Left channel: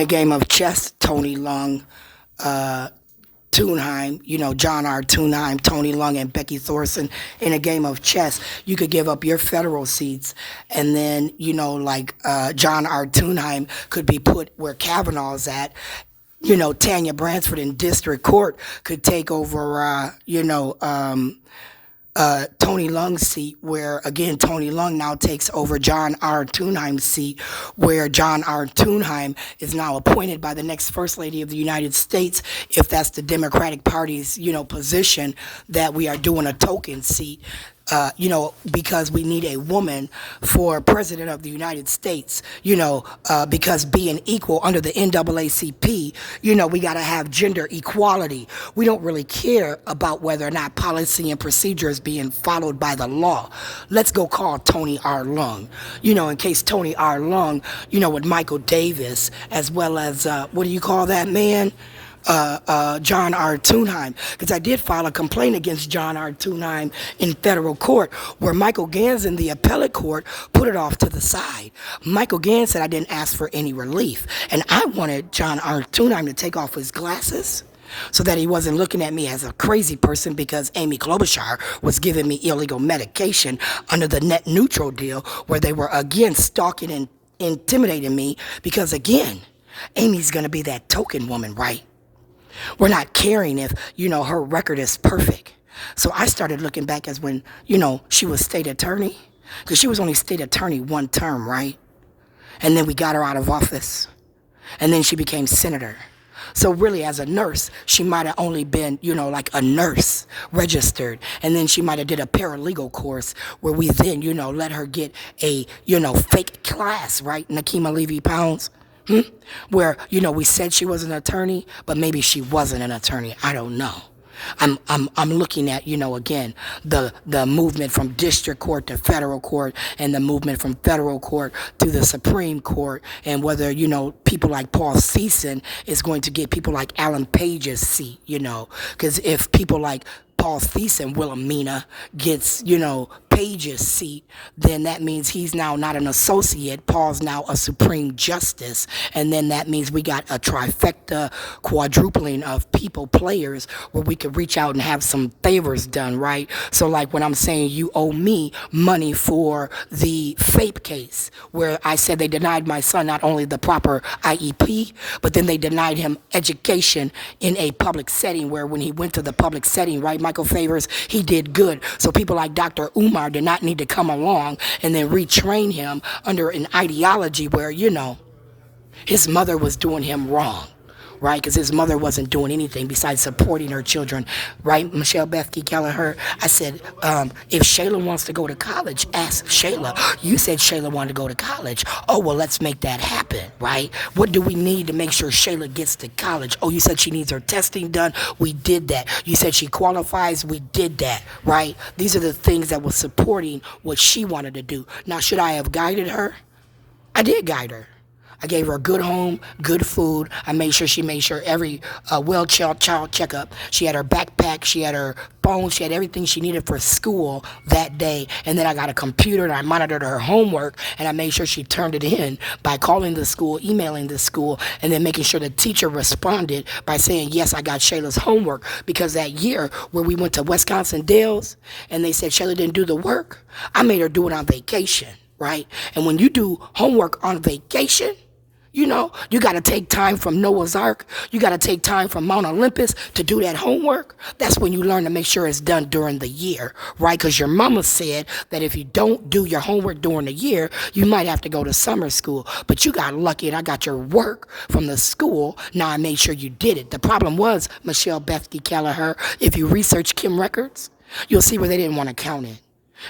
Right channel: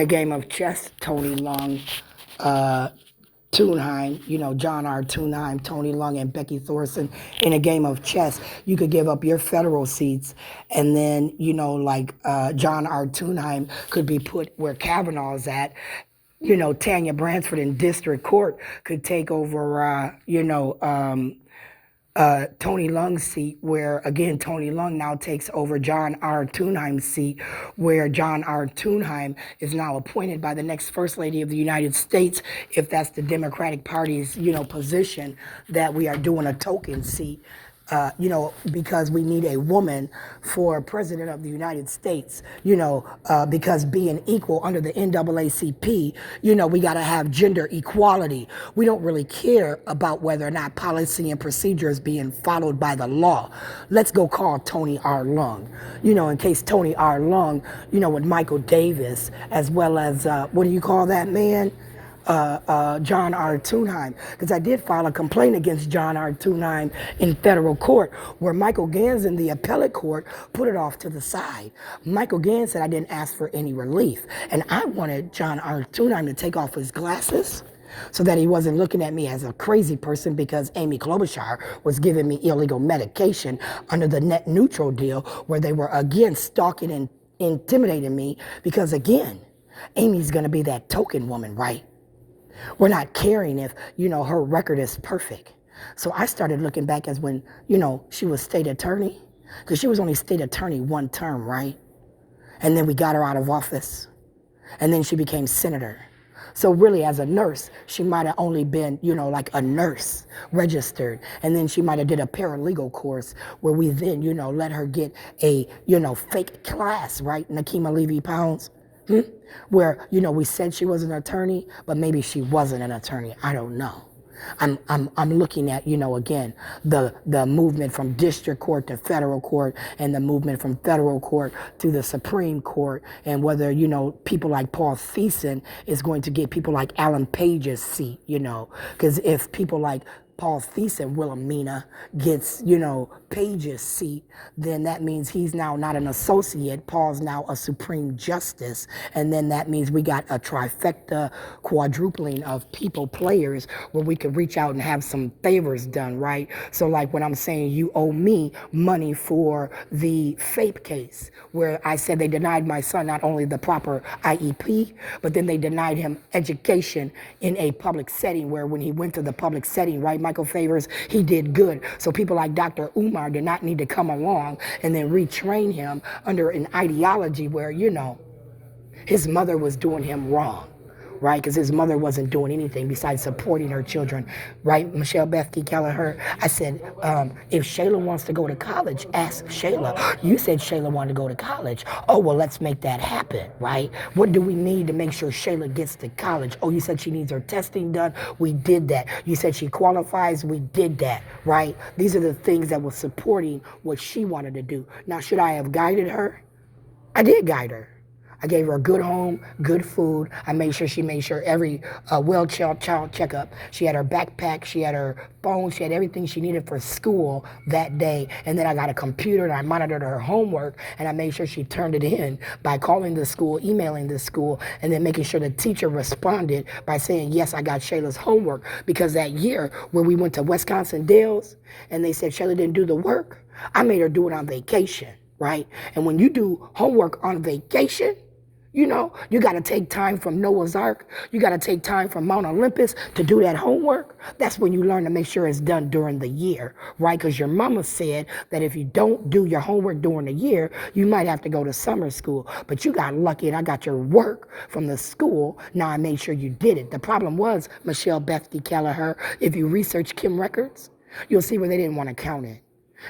a game of chess, Tony Long, Thunheim, John R. Thunheim, Tony Long, and Becky Thorson. In a game of chess, you could give up your federal seats, and then, John R. Thunheim could be put where Kavanaugh's at. Tanya Bransford in district court could take over, Tony Lung's seat, where, again, Tony Lung now takes over John R. Thunheim's seat, where John R. Thunheim is now appointed by the next First Lady of the United States, if that's the Democratic Party's, position, that we are doing a token seat. Because we need a woman for president of the United States, because being equal under the NAACP, we got to have gender equality. We don't really care about whether or not policy and procedure is being followed by the law. Let's go call Tony R. Lung, in case Tony R. Lung, with Michael Davis, as well as, what do you call that man? John R. Thunheim, because I did file a complaint against John R. Thunheim in federal court, where Michael Gans in the appellate court put it off to the side. Michael Gans said I didn't ask for any relief, and I wanted John R. Thunheim to take off his glasses so that he wasn't looking at me as a crazy person, because Amy Klobuchar was giving me illegal medication under the net neutral deal, where they were again stalking and intimidating me, because again, Amy's going to be that token woman, right? We're not caring if, her record is perfect. So I started looking back as when, she was state attorney, because she was only state attorney one term, right? And then we got her out of office, and then she became senator. So really, as a nurse, she might have only been, like a nurse registered. And then she might have did a paralegal course, where we then, let her get a, fake class, right? Nakima Levy-Pounds. Where, we said she was an attorney, but maybe she wasn't an attorney. I don't know. I'm looking at, again, the movement from district court to federal court, and the movement from federal court to the Supreme Court, and whether, people like Paul Thiessen is going to get people like Alan Page's seat, because if people like Paul Thiessen, Wilhelmina, gets, Page's seat, then that means he's now not an associate. Paul's now a Supreme Justice. And then that means we got a trifecta, quadrupling of players, where we could reach out and have some favors done, right? So like when I'm saying you owe me money for the FAPE case, where I said they denied my son not only the proper IEP, but then they denied him education in a public setting, where when he went to the public setting, right, Michael Favors, he did good. So people like Dr. Umar did not need to come along and then retrain him under an ideology where, his mother was doing him wrong, right? Because his mother wasn't doing anything besides supporting her children, right? Michelle Bethke Kelleher, I said, if Shayla wants to go to college, ask Shayla. You said Shayla wanted to go to college. Oh, well, let's make that happen, right? What do we need to make sure Shayla gets to college? Oh, you said she needs her testing done. We did that. You said she qualifies. We did that, right? These are the things that were supporting what she wanted to do. Now, should I have guided her? I did guide her. I gave her a good home, good food. I made sure every child checkup. She had her backpack, she had her phone, she had everything she needed for school that day. And then I got a computer and I monitored her homework, and I made sure she turned it in by calling the school, emailing the school, and then making sure the teacher responded by saying, yes, I got Shayla's homework. Because that year where we went to Wisconsin Dells and they said Shayla didn't do the work, I made her do it on vacation, right? And when you do homework on vacation, you got to take time from Noah's Ark. You got to take time from Mount Olympus to do that homework. That's when you learn to make sure it's done during the year, right? Because your mama said that if you don't do your homework during the year, you might have to go to summer school. But you got lucky and I got your work from the school. Now I made sure you did it. The problem was, Michelle Bethke Kelleher, if you research Kim records, you'll see where they didn't want to count it.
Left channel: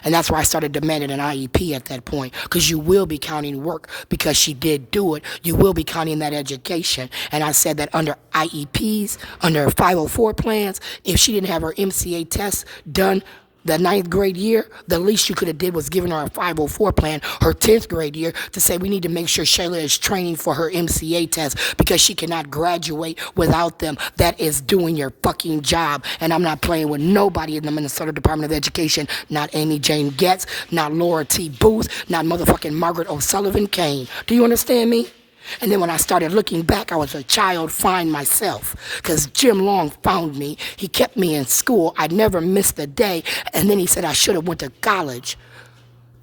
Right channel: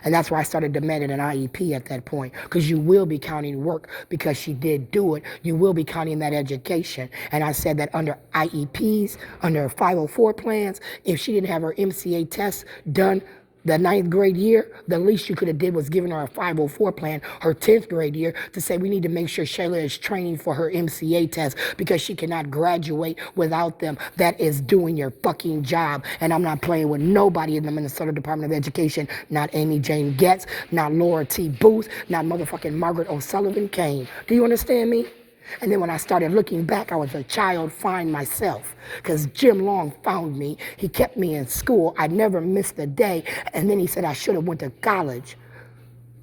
And that's why I started demanding an IEP at that point, because you will be counting work because she did do it. You will be counting that education. And I said that under IEPs, under 504 plans, if she didn't have her MCA test done the 9th grade year, the least you could have did was giving her a 504 plan her 10th grade year to say we need to make sure Shayla is training for her MCA test because she cannot graduate without them. That is doing your fucking job. And I'm not playing with nobody in the Minnesota Department of Education, not Amy Jane Getz, not Laura T. Booth, not motherfucking Margaret O'Sullivan Kane. Do you understand me? And then when I started looking back, I was a child fine myself because Jim Long found me. He kept me in school. I never missed a day. And then he said I should have went to college.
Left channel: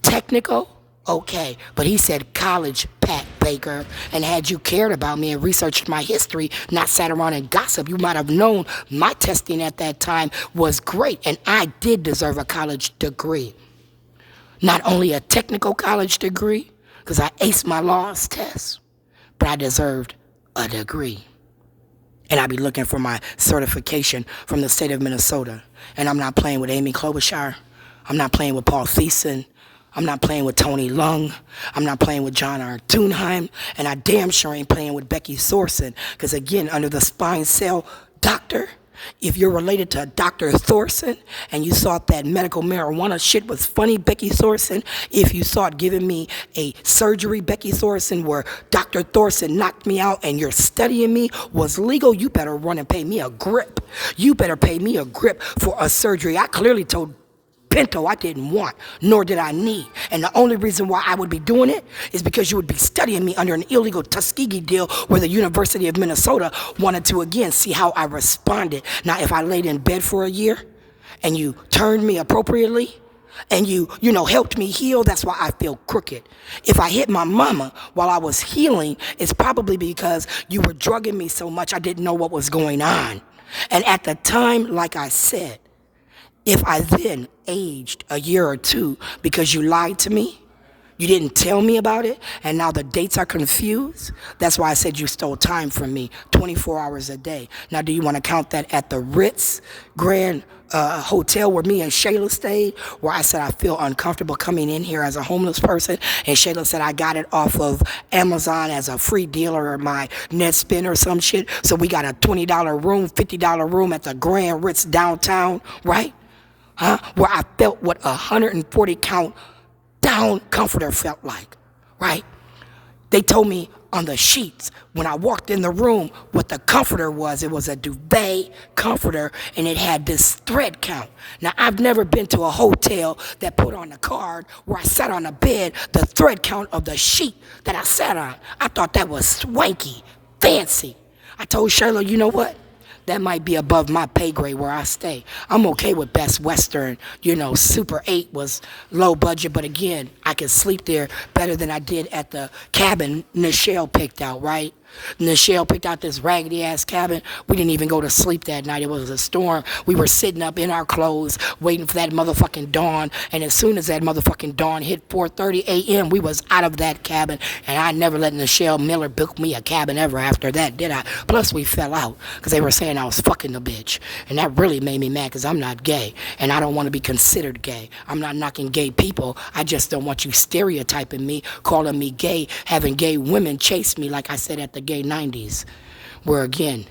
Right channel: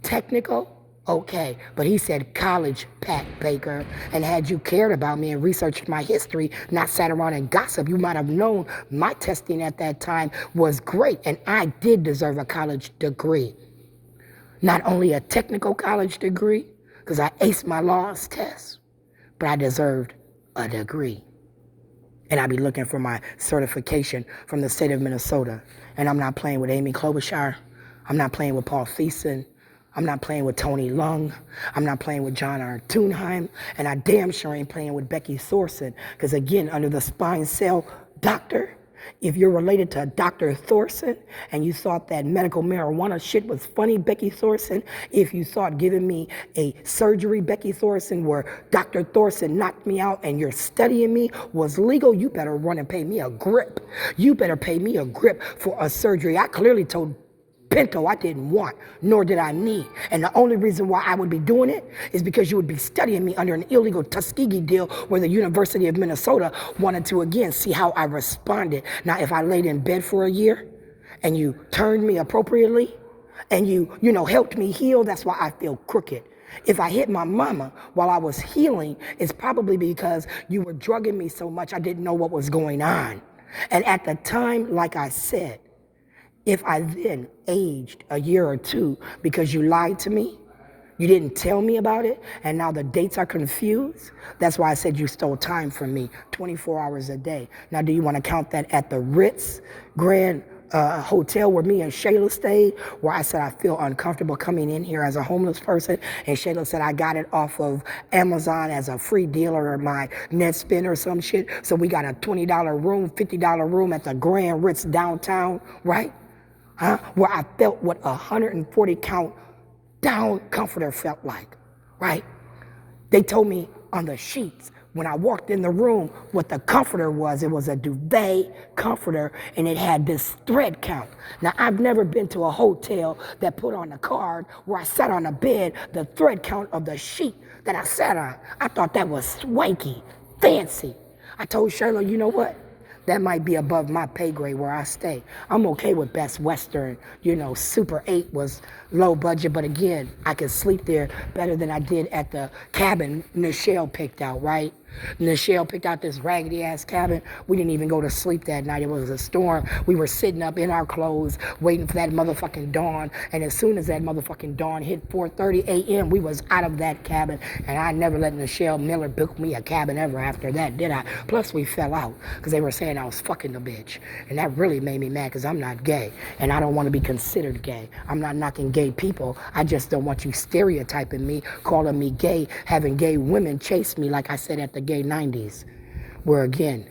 Technical? Okay. But he said college, Pat Baker. And had you cared about me and researched my history, not sat around and gossip, you might have known my testing at that time was great. And I did deserve a college degree. Not only a technical college degree, because I aced my laws test, but I deserved a degree. And I'd be looking for my certification from the state of Minnesota. And I'm not playing with Amy Klobuchar. I'm not playing with Paul Thiessen. I'm not playing with Tony Lung. I'm not playing with John R. Thunheim. And I damn sure ain't playing with Becky Thorson. Because again, under the spine cell doctor, if you're related to Dr. Thorson and you thought that medical marijuana shit was funny, Becky Thorson, if you thought giving me a surgery, Becky Thorson, where Dr. Thorson knocked me out and you're studying me was legal, you better run and pay me a grip. You better pay me a grip for a surgery I clearly told Pinto I didn't want, nor did I need. And the only reason why I would be doing it is because you would be studying me under an illegal Tuskegee deal where the University of Minnesota wanted to, again, see how I responded. Now, if I laid in bed for a year and you turned me appropriately and you helped me heal, that's why I feel crooked. If I hit my mama while I was healing, it's probably because you were drugging me so much I didn't know what was going on. And at the time, like I said, if I then aged a year or two because you lied to me, you didn't tell me about it, and now the dates are confused, that's why I said you stole time from me 24 hours a day. Now, do you want to count that at the Ritz Grand Hotel where me and Shayla stayed, where I said I feel uncomfortable coming in here as a homeless person, and Shayla said I got it off of Amazon as a free dealer or my net spin or some shit, so we got a $20 room, $50 room at the Grand Ritz downtown, right? Where I felt what a 140 count down comforter felt like, right? They told me on the sheets when I walked in the room what the comforter was. It was a duvet comforter and it had this thread count. Now, I've never been to a hotel that put on the card where I sat on a bed the thread count of the sheet that I sat on. I thought that was swanky, fancy. I told Shayla, you know what? That might be above my pay grade where I stay. I'm okay with Best Western. Super 8 was low budget, but again, I could sleep there better than I did at the cabin Nichelle picked out, right? Nichelle picked out this raggedy-ass cabin. We didn't even go to sleep that night. It was a storm. We were sitting up in our clothes waiting for that motherfucking dawn, and as soon as that motherfucking dawn hit 4:30 a.m., we was out of that cabin, and I never let Nichelle Miller book me a cabin ever after that, did I? Plus, we fell out because they were saying I was fucking the bitch, and that really made me mad because I'm not gay, and I don't want to be considered gay. I'm not knocking gay people. I just don't want you stereotyping me, calling me gay, having gay women chase me like I said at the gay 90s, where again,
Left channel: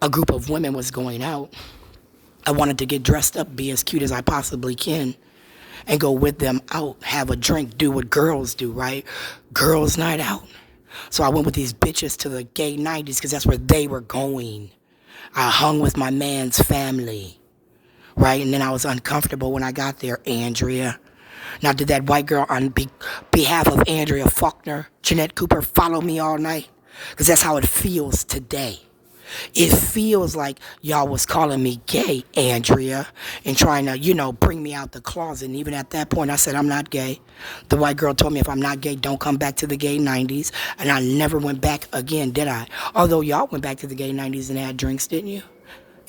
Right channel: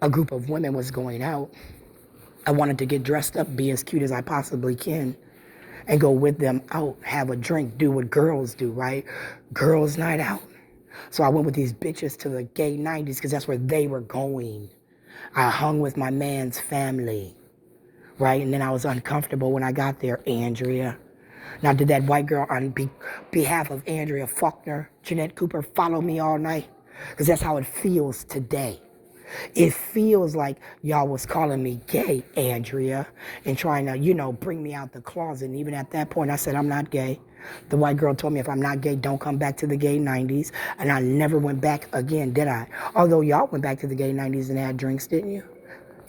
a group of women was going out. I wanted to get dressed up, be as cute as I possibly can, and go with them out, have a drink, do what girls do, right? Girls' night out. So I went with these bitches to the gay 90s because that's where they were going. I hung with my man's family, right? And then I was uncomfortable when I got there, Andrea. Now, did that white girl on behalf of Andrea Faulkner, Jeanette Cooper, follow me all night? Because that's how it feels today. It feels like y'all was calling me gay, Andrea, and trying to, bring me out the closet. And even at that point, I said, I'm not gay. The white girl told me if I'm not gay, don't come back to the gay 90s. And I never went back again, did I? Although y'all went back to the gay 90s and had drinks, didn't you?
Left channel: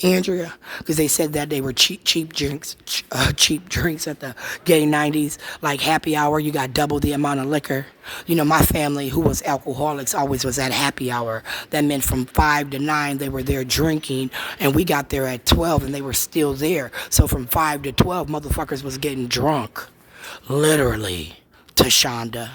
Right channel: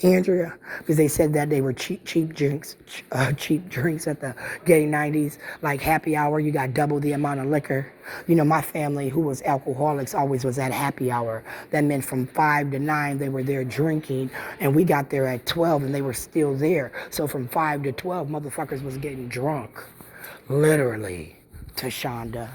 Andrea, because they said that they were cheap drinks at the gay 90s, like happy hour, you got double the amount of liquor. My family, who was alcoholics, always was at happy hour. That meant from 5 to 9, they were there drinking, and we got there at 12, and they were still there. So from 5 to 12, motherfuckers was getting drunk, literally, to Shonda.